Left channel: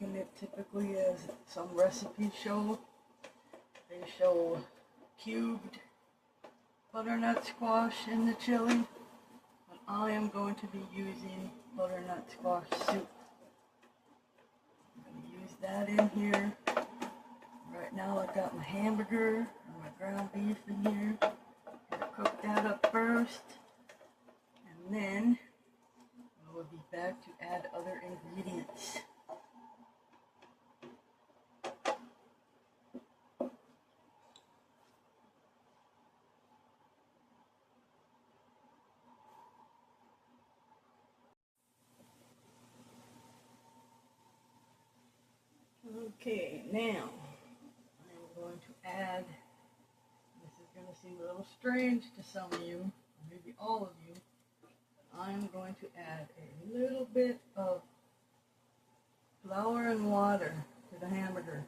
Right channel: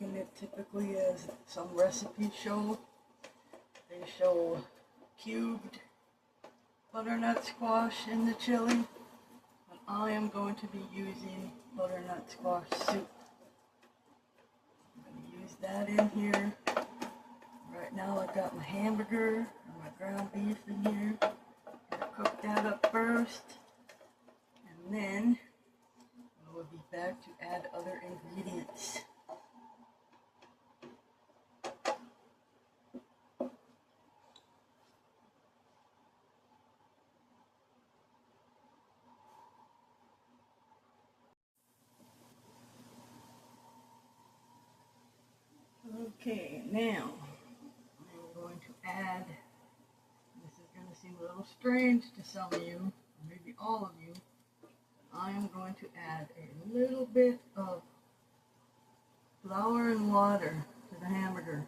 making it typically as some recipes show. They show cubed butternut squash in the chili, but I am going to be using butternut squash soup. I'm going to use that in here. Right now I've got my hamburger and my ground beef in here. I'm going to cook that up first, and then I will be back to add other ingredients. Okay, now I'm going to add, this is going to seem a little strange to some of you, maybe all of you, but I am going to add a little bit of flour and water to the hamburger.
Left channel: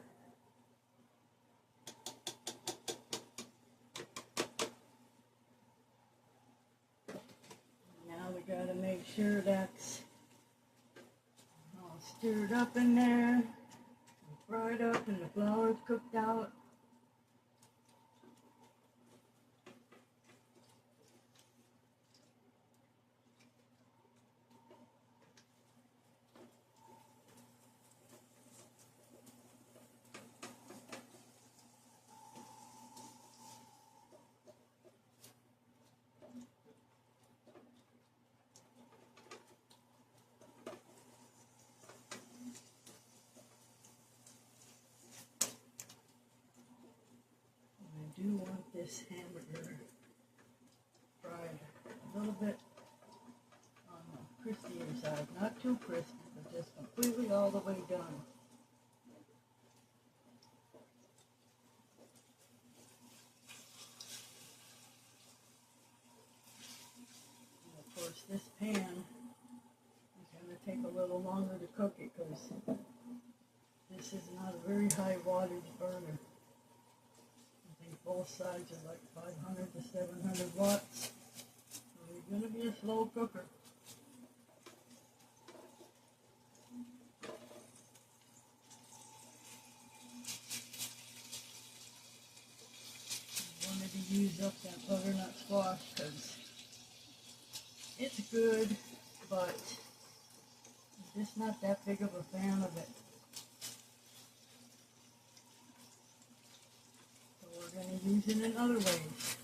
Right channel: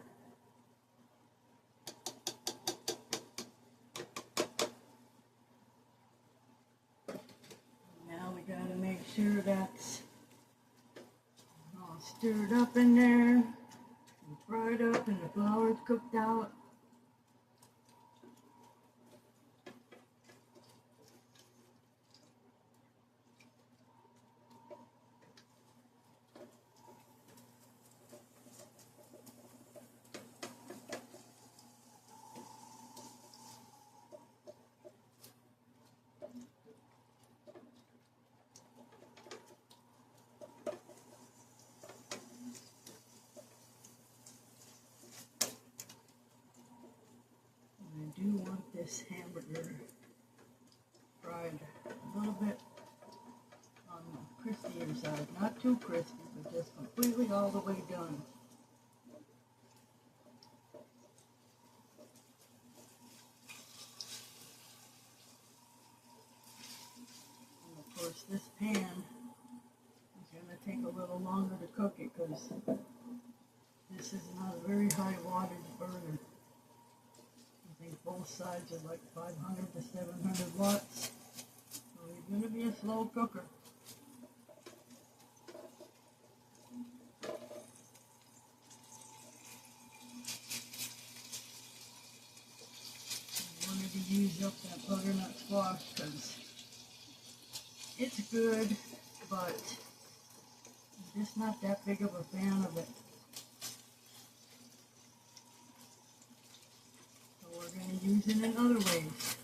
Now we got to make sure that's all stirred up in there. Fried up and the flour's cooked out. I do want this hamburger fried a little bit on the crispier side. Not too crispy, but just completely all the way done. And of course this pan is going to take a little longer to cook it because this is not a very high wattage burner. Both sides are like 500 to 700 watts. So it's going to be a slow cooker. I wanted to use up that butternut squash because it's good, but I'm just not that big of a fan of it. Going to use it in other ways.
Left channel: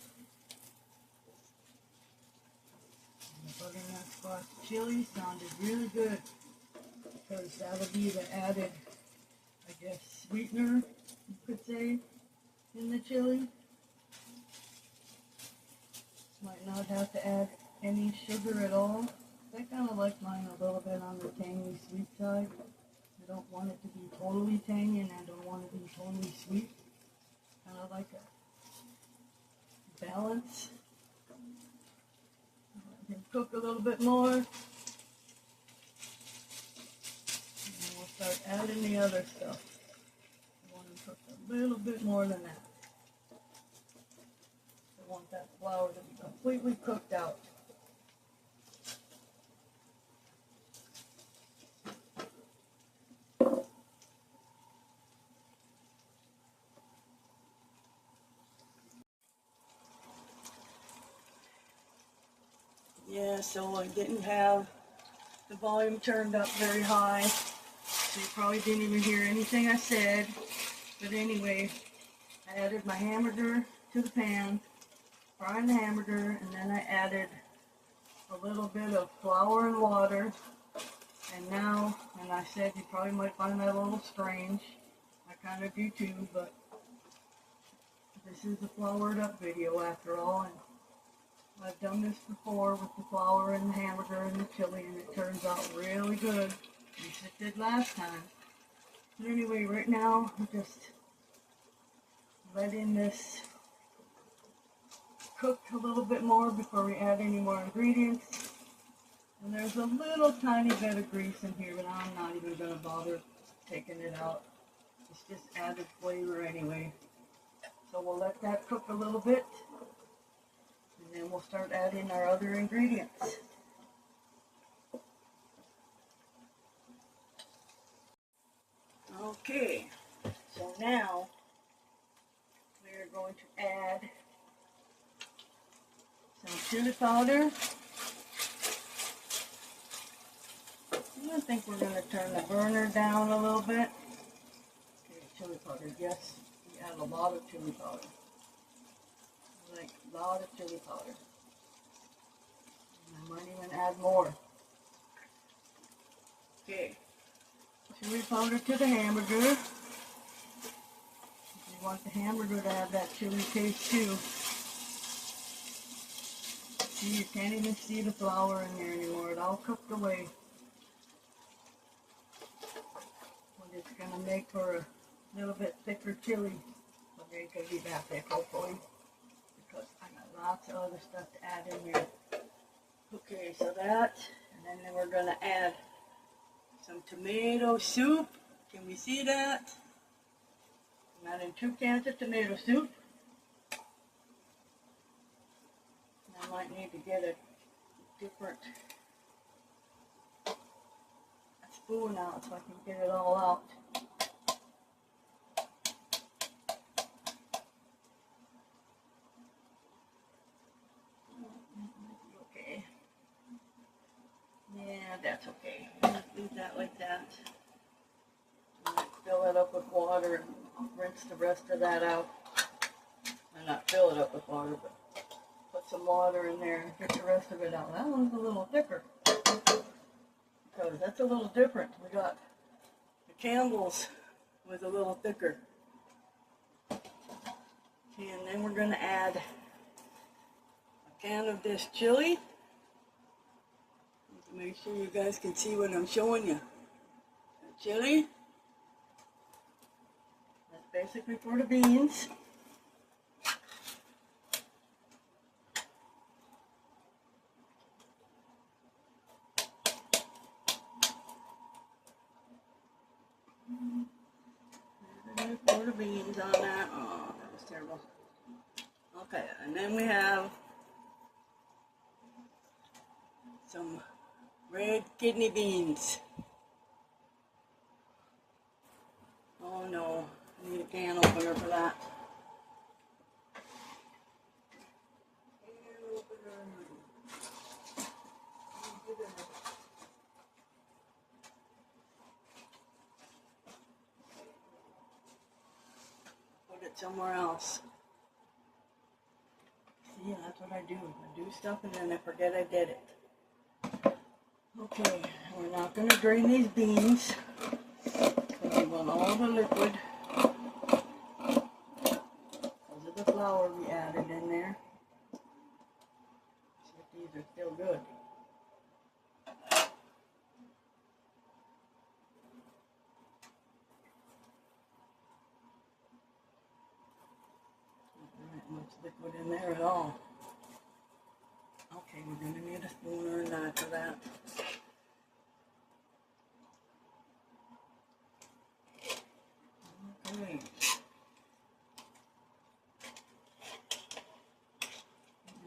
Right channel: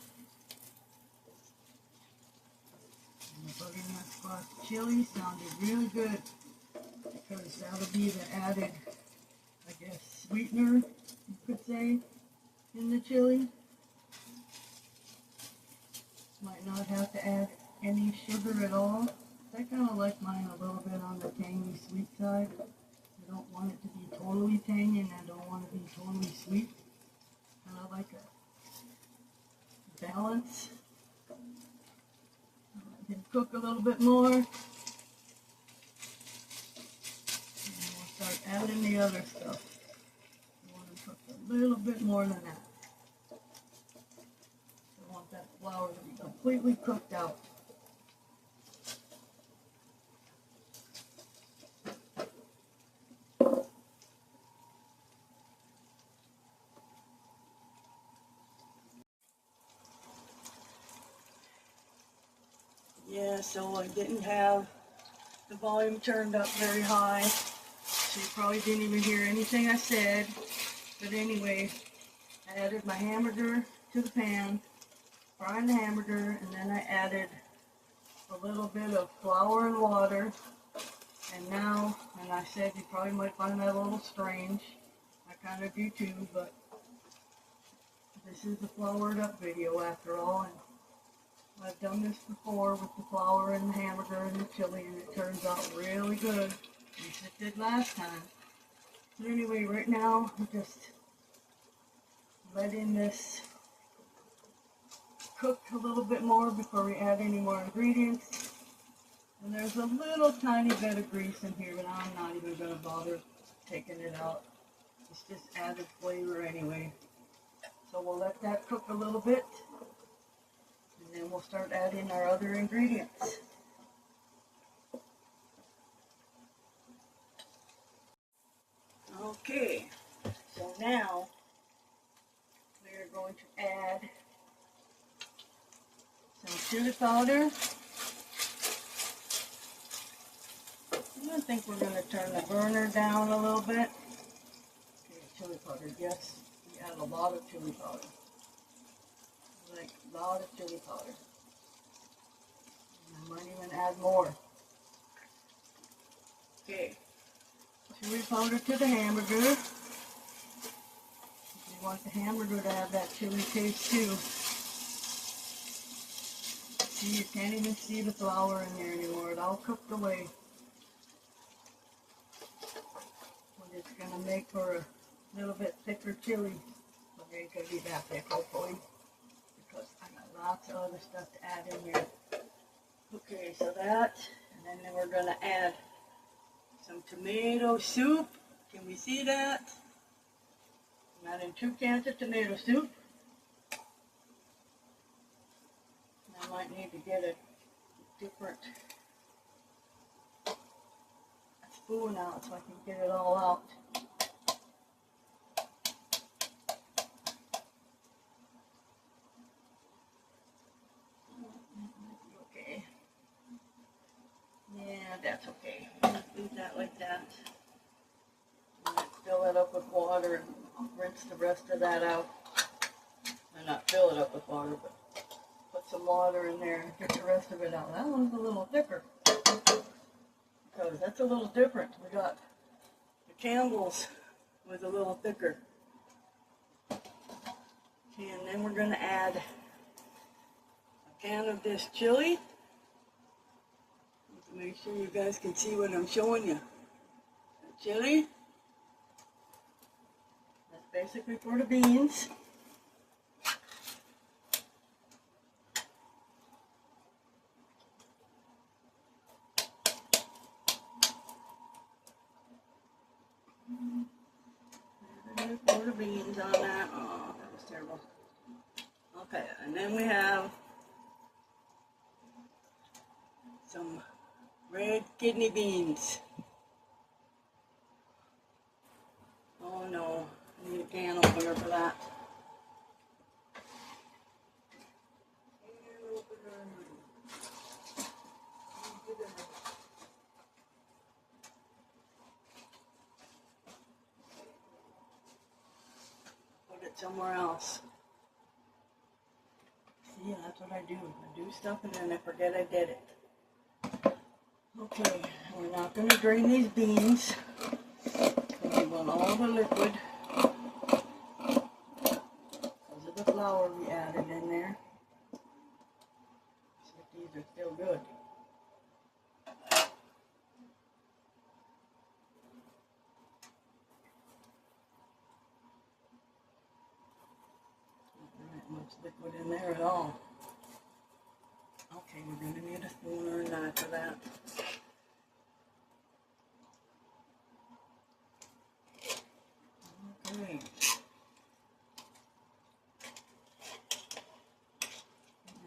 And the butternut squash chili sounded really good because that'll be the added, I guess, sweetener, you could say, in the chili. Might not have to add any sugar at all. I kind of like mine a little bit on the tangy sweet side. I don't want it to be totally tangy and I don't want it to be totally sweet. Kind of like a balance. Let him cook a little bit more. And we'll start adding the other stuff. I want to cook a little bit more than that. I want that flour to be completely cooked out. Yeah, so I didn't have the volume turned up very high, so you probably didn't even hear anything I said. But anyway, I added my hamburger to the pan, frying the hamburger, and then I added a little bit of flour and water. And now, and I said you probably might find that a little strange, I kind of do too, but this is a floured up video after all, and I've done this before with the flour and the hamburger and the chili, and it turns out really good, as it did last time. But anyway, right now, I'm just letting this cook a little bit more before we add any more ingredients. And there's a little tiny bit of grease in here, but I'm not even going to bother taking it out. It's just added flavor anyway. So we'll let that cook a little bit. And then we'll start adding our other ingredients. Okay, so now we are going to add some chili powder. I think we're going to turn the burner down a little bit. Okay, chili powder, yes, we add a lot of chili powder. Like a lot of chili powder. And I might even add more. Okay, chili powder to the hamburger. You want the hamburger to have that chili taste too. See, you can't even see the flour in there anymore. It all cooked away. But it's going to make for a little bit thicker chili. Okay, it's going to be that thick, hopefully. Because I got lots of other stuff to add in there. Okay, so that, and then we're going to add some tomato soup. Can we see that? I'm adding 2 cans of tomato soup. I might need to get a different spoon out so I can get it all out. Okay. Yeah, that's okay. Just leave that like that. And fill it up with water and rinse the rest of that out. Well, not fill it up with water, but put some water in there and get the rest of it out. That one's a little thicker. Because that's a little different. We got the Campbell's was a little thicker. Okay, and then we're going to add a can of this chili. To make sure you guys can see what I'm showing you. The chili. That's basically for the beans. Pour the beans on that. Oh, that was terrible. Okay, and then we have some red kidney beans. Oh no, I need a can opener for that. Put it somewhere else. See, that's what I do. I do stuff and then I forget I did it. Okay, we're not going to drain these beans because we want all the liquid because of the flour we added in there. See if these are still good. Not much liquid in there at all. Okay, we're going to need a spoon or a knife for that. Okay.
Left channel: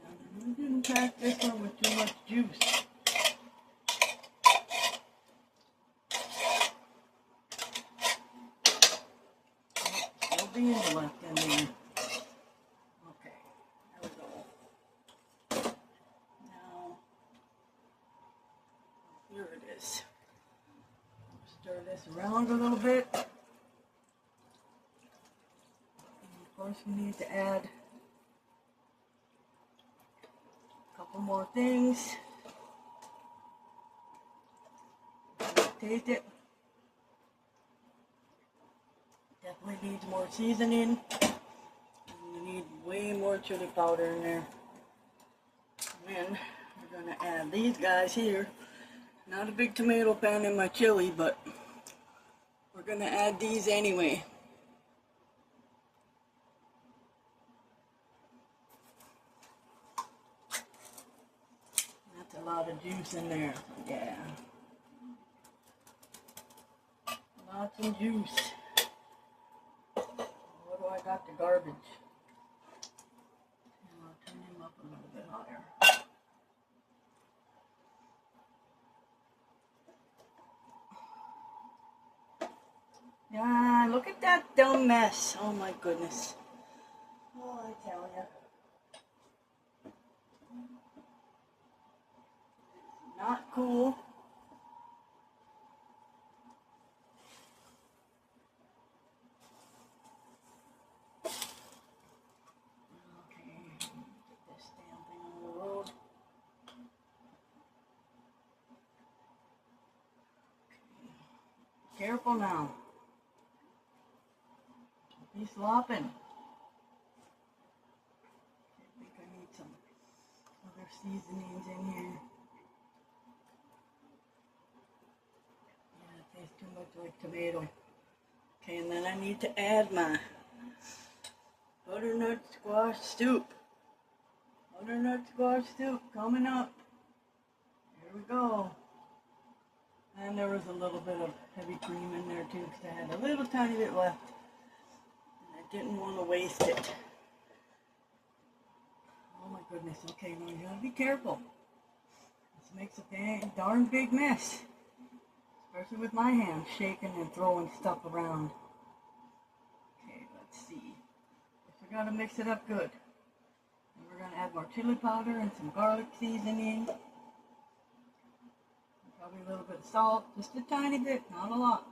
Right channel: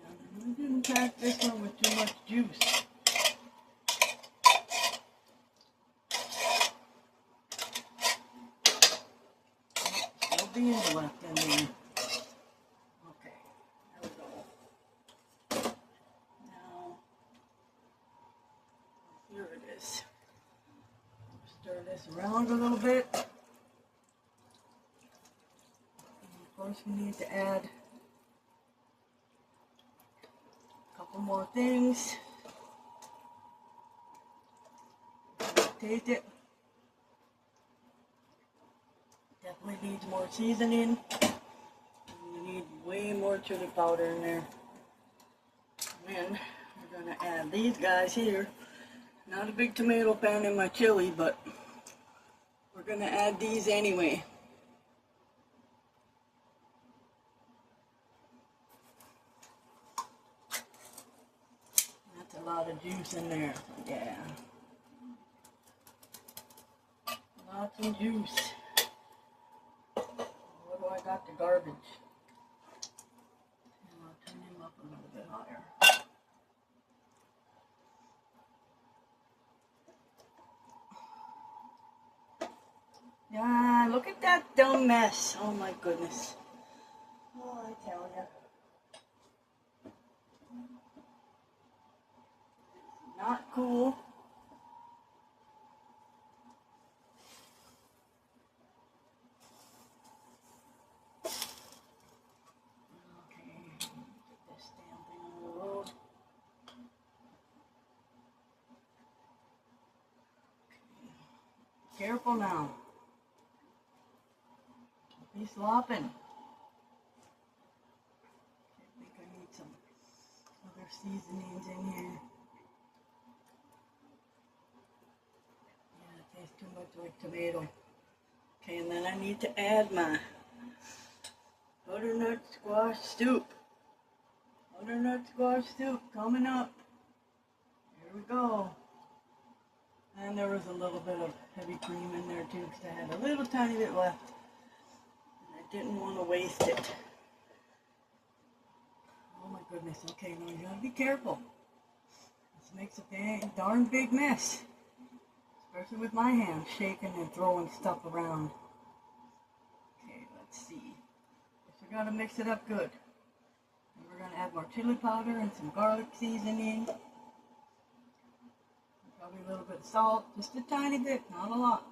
Now, I didn't pack this one with too much juice. Still beans left in there. Okay, there we go. Now, here it is. Stir this around a little bit. And of course, we need to add a couple more things. Taste it. Definitely needs more seasoning. And we need way more chili powder in there. And then we're going to add these guys here. Not a big tomato fan in my chili, but we're going to add these anyway. That's a lot of juice in there. Yeah. Lots of juice. What do I got? The garbage. And I'll turn him up a little bit higher. look at that dumb mess. Oh my goodness. Oh, I tell ya. Not cool. Okay, get this damn thing on the road. Careful now. He's slopping. I think I need some other seasonings in here. Yeah, it tastes too much like tomato. Okay, and then I need to add my butternut squash soup. Butternut squash soup coming up. Here we go. And there was a little bit of heavy cream in there too, because I had a little tiny bit left. And I didn't want to waste it. Oh my goodness. Okay, now you gotta be careful. This makes a darn big mess. Especially with my hand shaking and throwing stuff around. Okay, let's see. Guess we gotta mix it up good. And we're gonna add more chili powder and some garlic seasoning. Probably a little bit of salt, just a tiny bit, not a lot.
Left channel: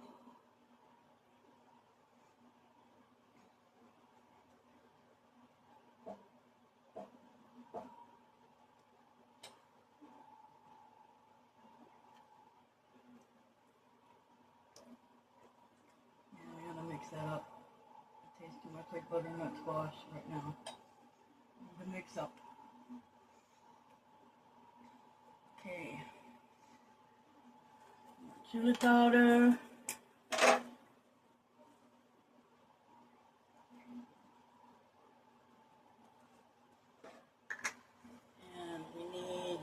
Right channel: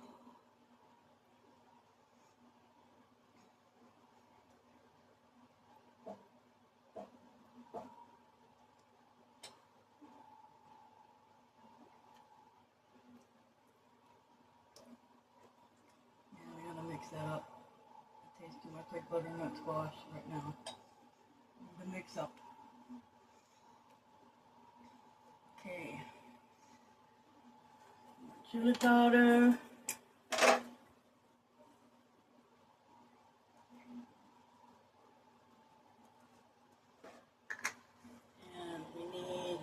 Yeah, I gotta mix that up. It tastes too much like butternut squash right now. Need to mix up. Okay. Chili powder. And we need,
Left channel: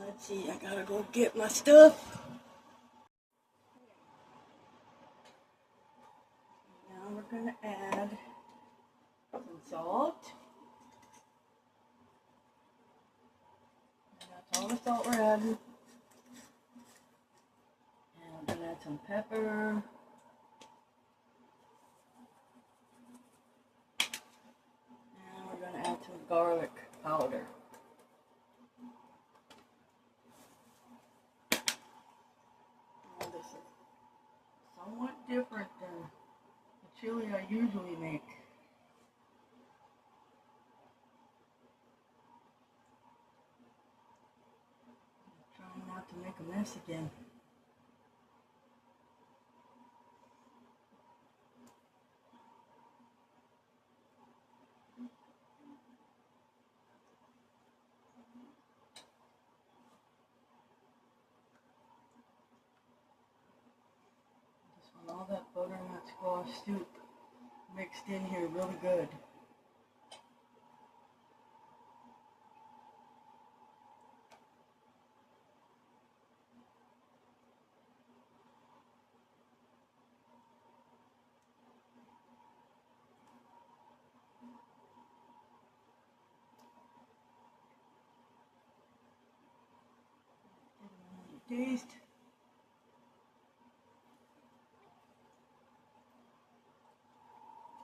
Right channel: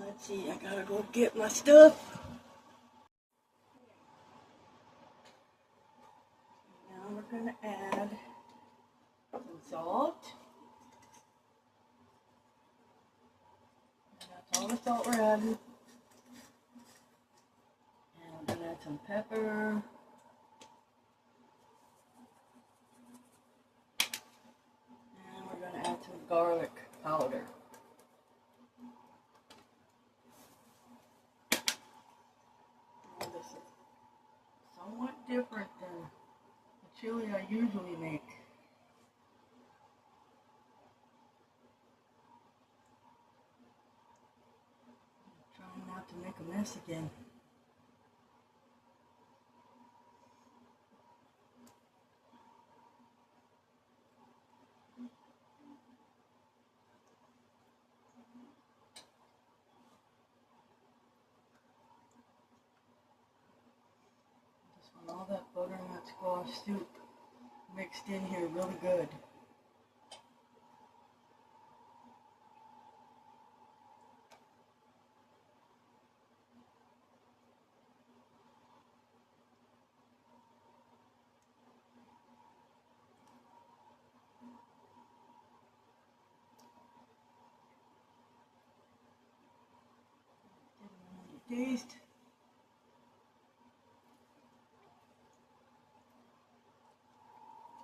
let's see, I gotta go get my stuff. Now we're gonna add some salt. And that's all the salt we're adding. And we're gonna add some pepper. And we're gonna add some garlic powder. Now this is somewhat different than the chili I usually make. I'm trying not to make a mess again. Just want all that butternut squash soup mixed in here really good. Taste.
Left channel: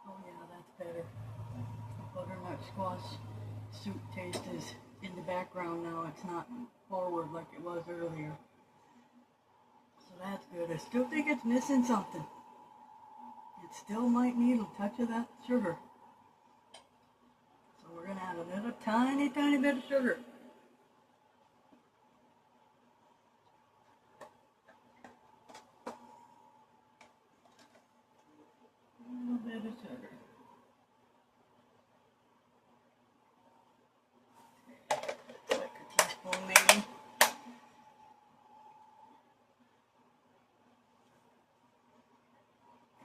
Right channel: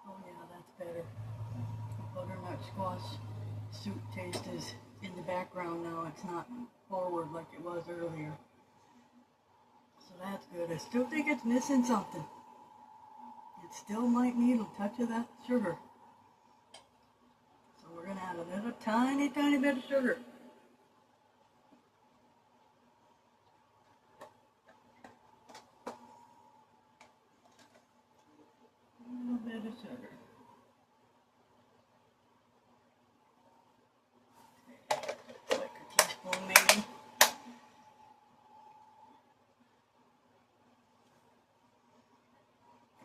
Oh yeah, that's better. The butternut squash soup taste is in the background now. It's not forward like it was earlier. So that's good. I still think it's missing something. It still might need a touch of that sugar. So we're going to add a little tiny bit of sugar. A little bit of sugar. Like a teaspoon maybe.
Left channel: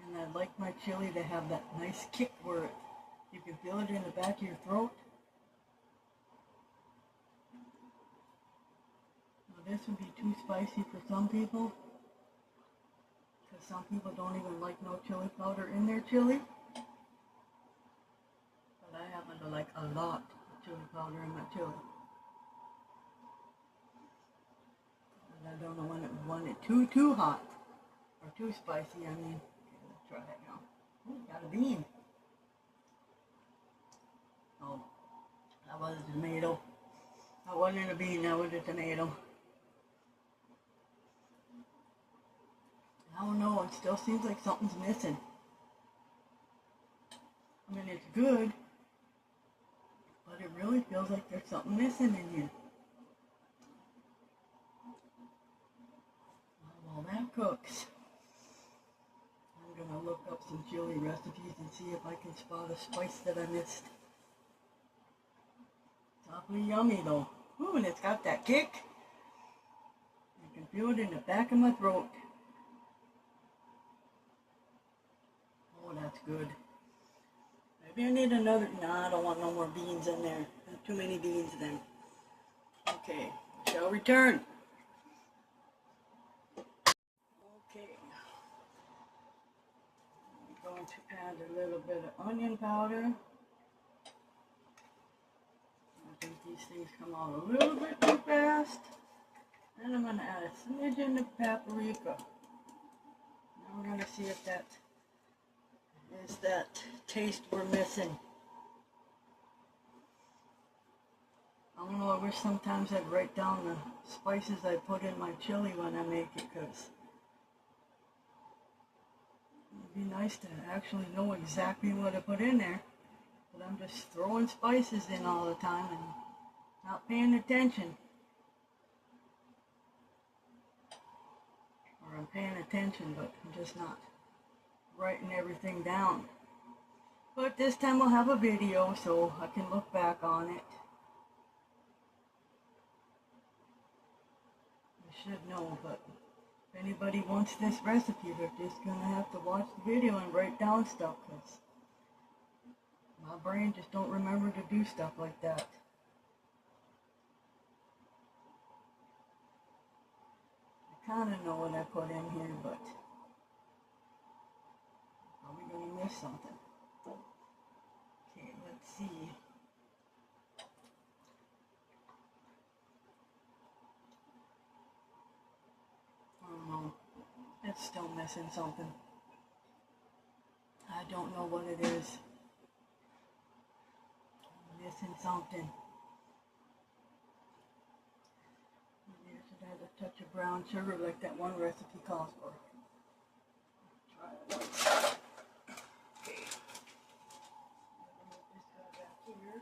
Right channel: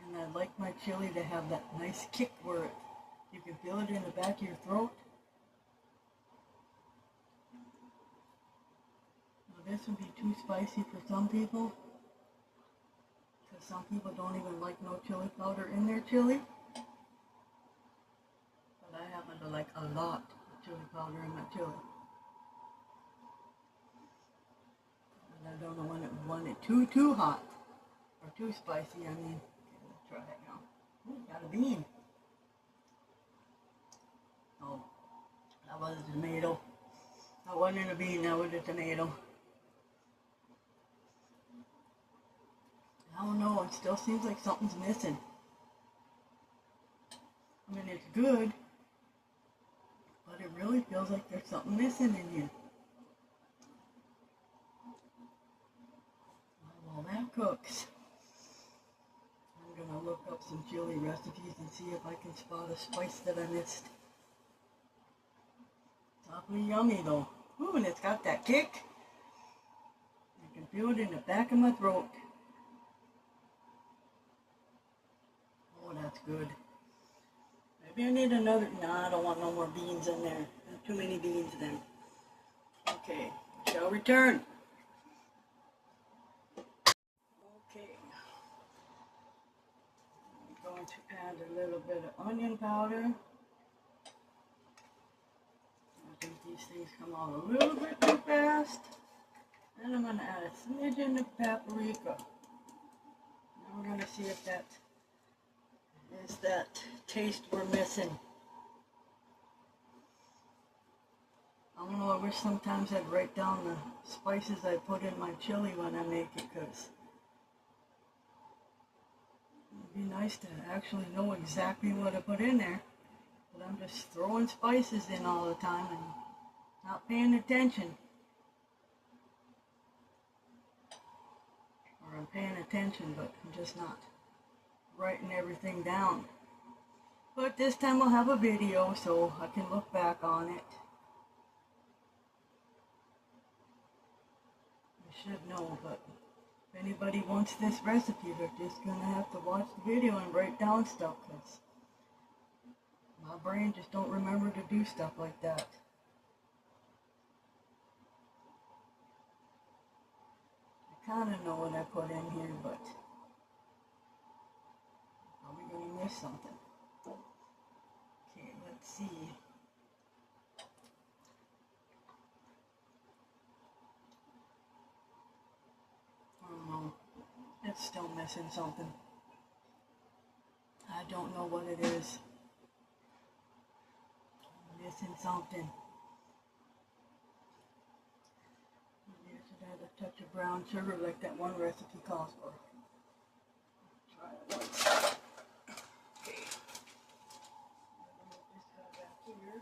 And I like my chili to have that nice kick where you can feel it in the back of your throat. Now this would be too spicy for some people. Because some people don't even like no chili powder in their chili. But I happen to like a lot of chili powder in my chili. And I don't know when it too hot. Or too spicy, I mean. Okay, let's try that now. Ooh, got a bean. Oh, that was a tomato. That wasn't a bean, that was a tomato. I don't know, it still seems like something's missing. I mean, it's good, but it really feels like there's something missing in here. While that cooks, I'm going to look up some chili recipes and see if I can spot a spice that I missed. It's awfully yummy though. Ooh, and it's got that kick. I can feel it in the back of my throat. Oh, that's good. Maybe I need another. No, I don't want no more beans in there. Too many beans then. Okay, I shall return. Okay. I'm going to add a little bit of onion powder. I think these things come out a little bit too fast. And I'm going to add a smidgen of paprika. Now we're going to see if that is that taste we're missing. I don't know, I wish sometimes I'd write down the spices I put in my chili when I make it, because it'd be nice to actually know exactly what I put in there. But I'm just throwing spices in all the time and not paying attention. Or I'm paying attention, but I'm just not writing everything down. But this time I'll have a video so I can look back on it. I should know, but if anybody wants this recipe, they're just going to have to watch the video and write down stuff, because my brain just don't remember to do stuff like that. I kind of know what I put in here, but I'm probably going to miss something. Okay, let's see. I don't know. It's still missing something. I don't know what it is. I'm missing something. Maybe I should add a touch of brown sugar like that one recipe calls for. Try it once. Okay. Move this guy back here.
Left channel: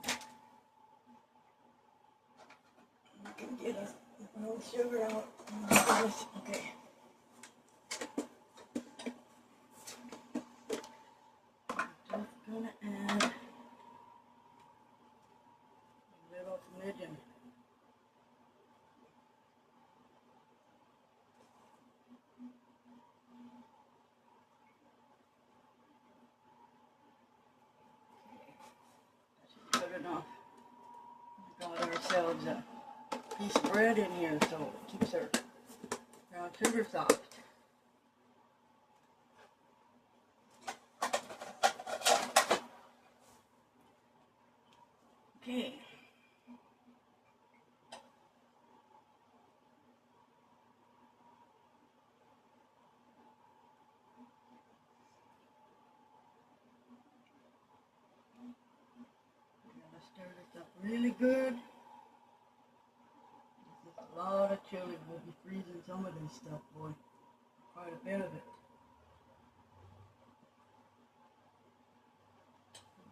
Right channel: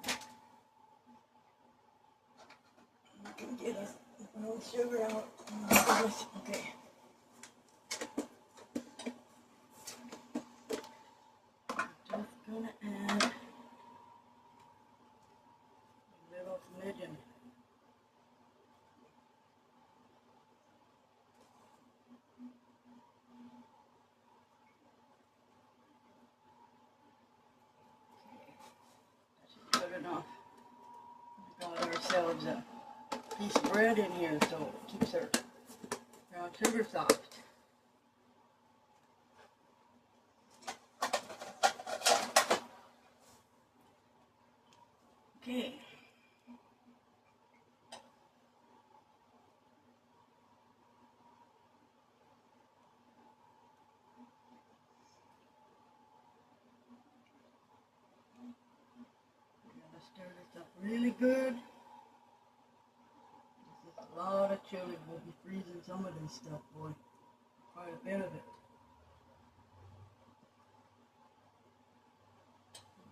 I can get a brown sugar out. Okay. I'm just gonna add a little smidgen. Good enough. We got ourselves a piece of bread in here, so it keeps our brown sugar soft. Okay. Stir this up really good. This is a lot of chili. We'll be freezing some of this stuff, boy. Quite a bit of it.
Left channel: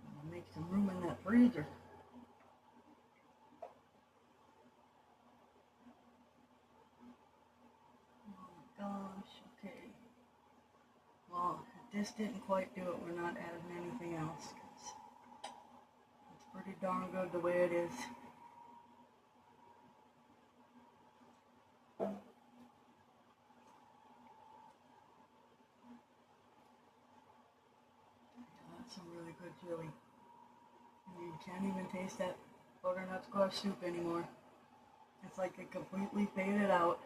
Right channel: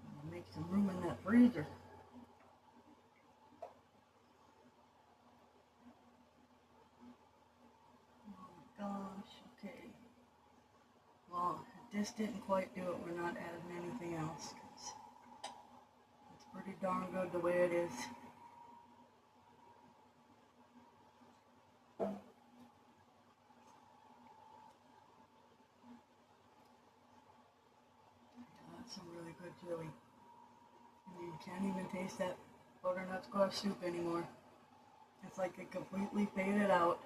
I'm gonna make some room in that freezer. Oh my gosh, okay. Well, if this didn't quite do it, we're not adding anything else. Pretty darn good the way it is. That's some really good chili. And you can't even taste that butternut squash soup anymore. It's like it completely faded out.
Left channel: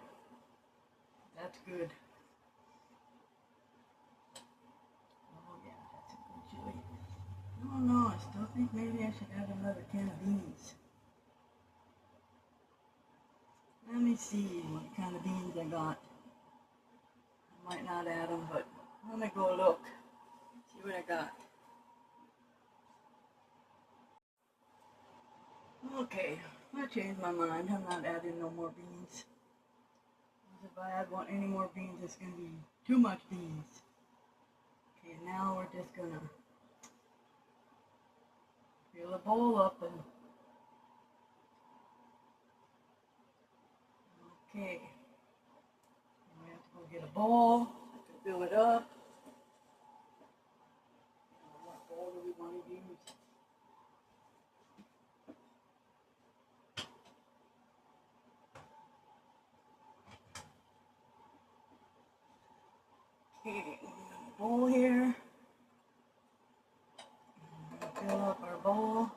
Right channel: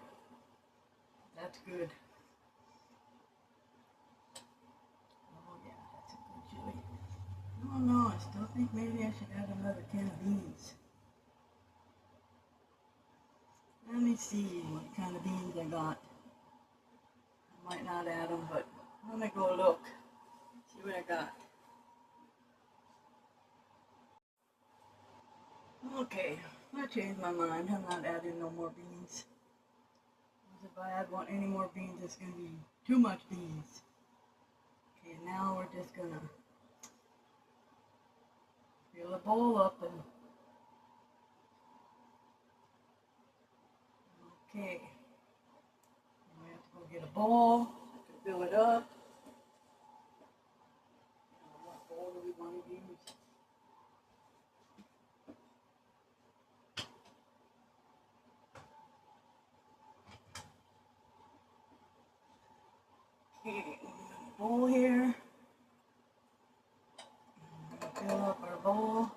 That's good. Oh yeah, that's a good chili. I don't know, I still think maybe I should add another can of beans. Let me see what kind of beans I got. I might might not add them, but I'm gonna go look, see what I got. Okay, I changed my mind. I'm not adding no more beans. Because if I add any more beans, it's gonna be too much beans. Okay, now we're just gonna fill the bowl up and okay. We have to go get a bowl to fill it up. What bowl do we want to use? Okay, bowl here. Fill up our bowl.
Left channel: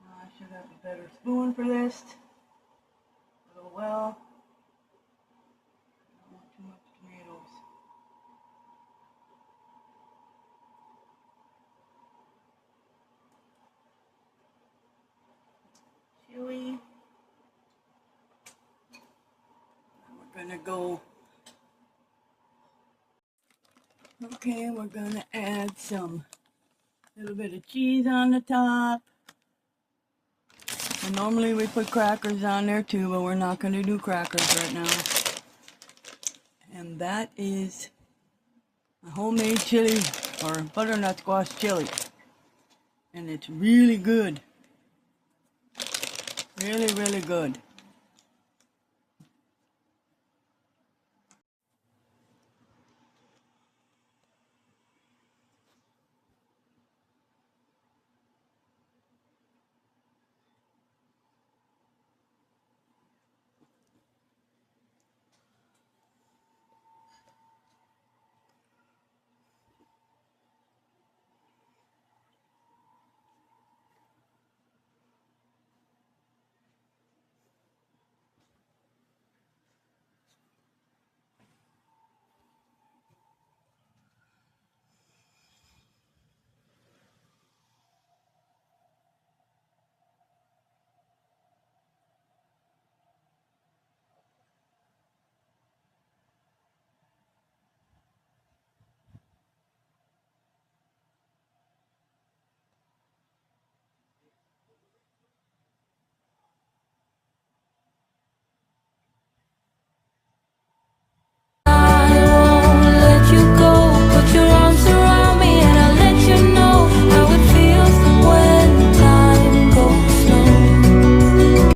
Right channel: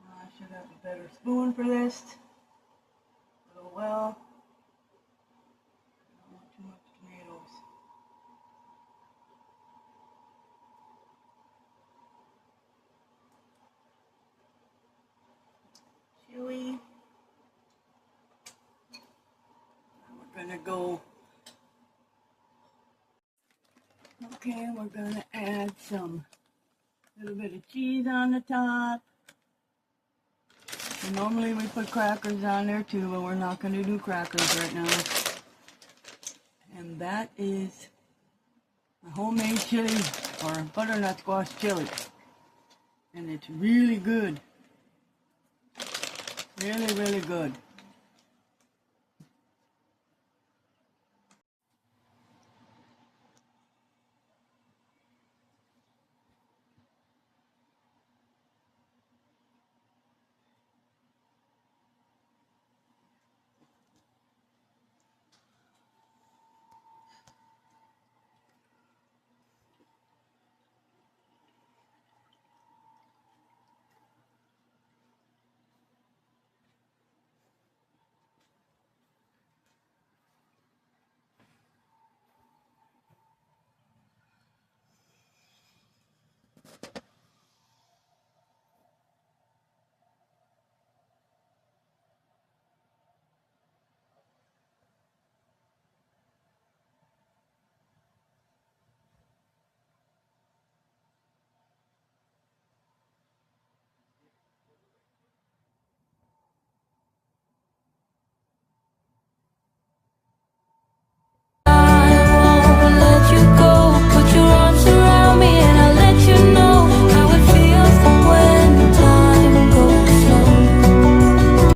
I should have a better spoon for this. Oh well. I don't want too much tomatoes. Chili. We're gonna go. Okay, we're gonna add some little bit of cheese on the top. And normally we put crackers on there too, but we're not gonna do crackers right now. And that is the homemade chili or butternut squash chili. And it's really good. Really, really good.